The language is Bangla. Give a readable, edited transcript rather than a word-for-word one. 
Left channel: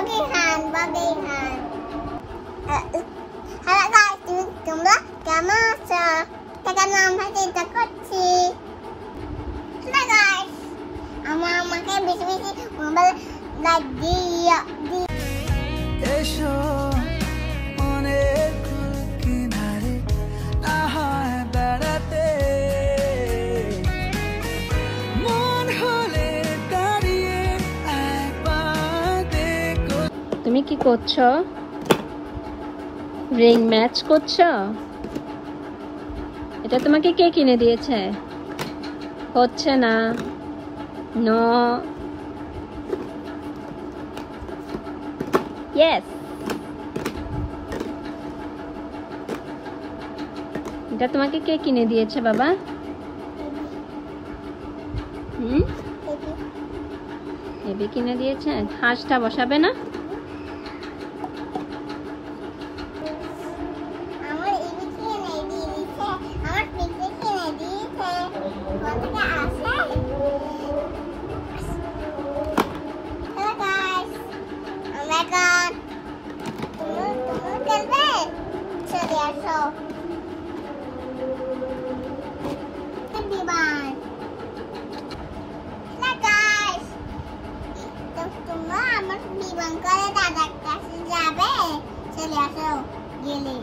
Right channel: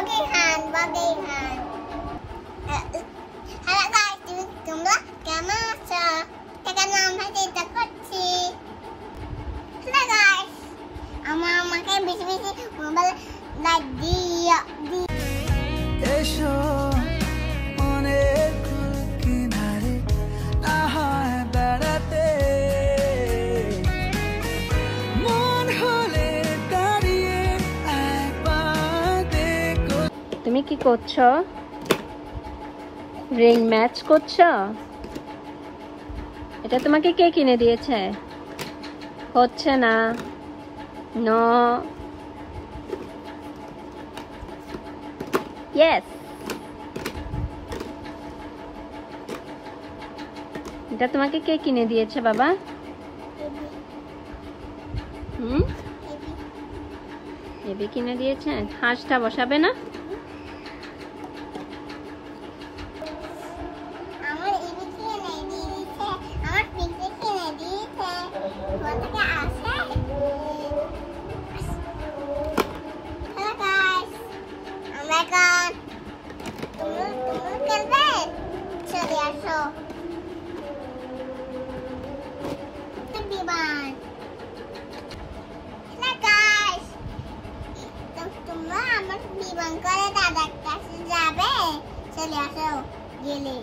বাগেরহাট। হ্যালো গাইস, তোমরা কেমন আছো? সেখানে আমরা চিন্তা করছি। হ্যালো গাইস, আমাকে বেশি বেশি মোবাইল লাইক দিও। এসো অনেক কিনারে না হয় বেড়াতে, মন হলে দাঁড়িয়ে একবার দেখো। তুমি কি করছো? রিং ম্যাচ করছো? এটা তোমাকে কে কিনে দিয়েছে? হচ্ছে না। নো। ইয়েস। এটা তোমাকে কে কিনে দিয়েছে বাবা? বেবি কিনে দিয়েছে। হাঁসটা বসাবে না? আমার এবি কিনে দিয়েছে, আমার পিসি কিনে দিয়েছে। কোথা আসে? হ্যালো গাইস, আমরা এখন তুমি খেলবে? চলে আসো। বিমান। হ্যালো গাইস, তোমরা আমার বিমান করে দাদার কাছে যাবে? চলে আসো গেলে।